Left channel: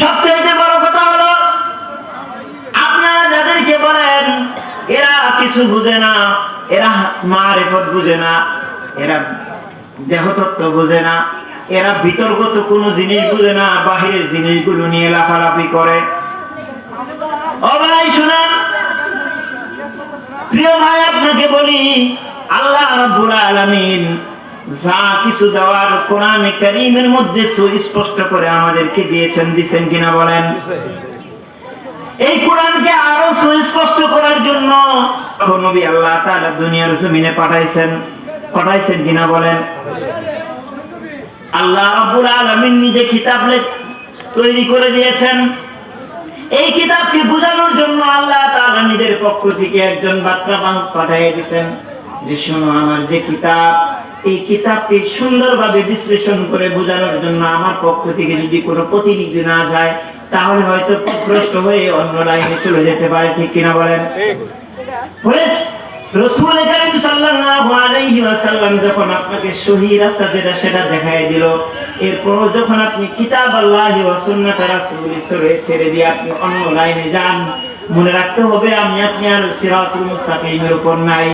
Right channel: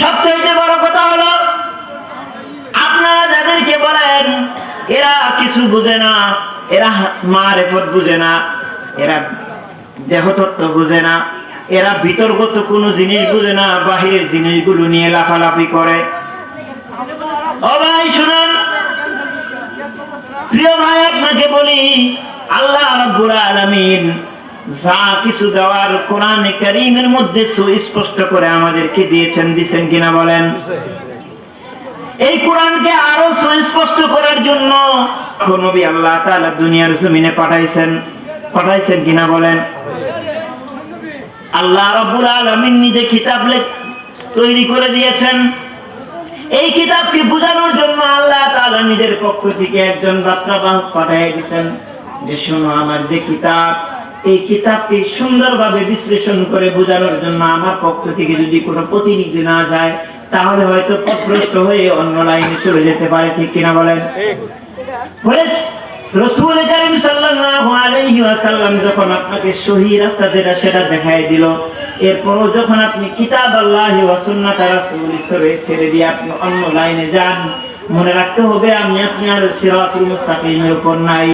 সবচেয়ে বড় কথা হলো আপনারা যাদেরকে বলেন এরা কিছু বুঝে না, এরা মারেফত বুঝে না, এরা দেহতত্ত্ব বুঝে না, এরা বিতর্কত কোনো জিনিস বুঝে না, বাহিরের জিনিসগুলো নিয়ে লাফালাফি করে। ও ভাই শুনেন, প্রিয় ভাই আপনাকে বলি, আল্লাহ রাব্বুল আলামিন যা কিছু দেওয়ার কোরআনে কারীমের মধ্যে সুস্পষ্ট করে আমাদেরকে দিয়েছেন কিনা বলেন? এই কোরআনকে আরো সুস্পষ্ট করার জন্য নবী আল্লাহ তাআলা দুনিয়ার জমিনে পাঠাইছেন কিনা বলেন? আল্লাহ রাব্বুল আলামিন নিজে কিতাব তৈরি করে দিয়েছেন। এই কিতাবকে বোঝানোর জন্য আল্লাহ তাআলা নিজের পক্ষ থেকে একজন বার্তাবাহক পাঠিয়ে দিয়েছেন যে শোনো, আমার যে কিতাব, এই কিতাবকে সুন্দরভাবে বিশ্লেষণ করে বোঝানোর জন্য আমার পক্ষ থেকে যদি কোনো প্রতিনিধি না যায় তাহলে হয়তো পথভ্রষ্ট হয়ে অন্য লাইনে চলে যেতে পারে। ঠিক কিনা বলেন? রাসূল কারীম সাল্লাল্লাহু আলাইহি ওয়াসাল্লাম যখন আপনাকে সহি রাস্তা যেটা সেটা দেখায় দিল, এরপর যখন আপনি কিতাব আল্লাহি ওয়া সুন্নাত রাসূলের ছেড়ে দিয়ে আপনি অন্য লাইনে যান, মনে রাখতে হবে আমি আপনি আর সিরাতুল মুস্তাকিমের উপর নাই।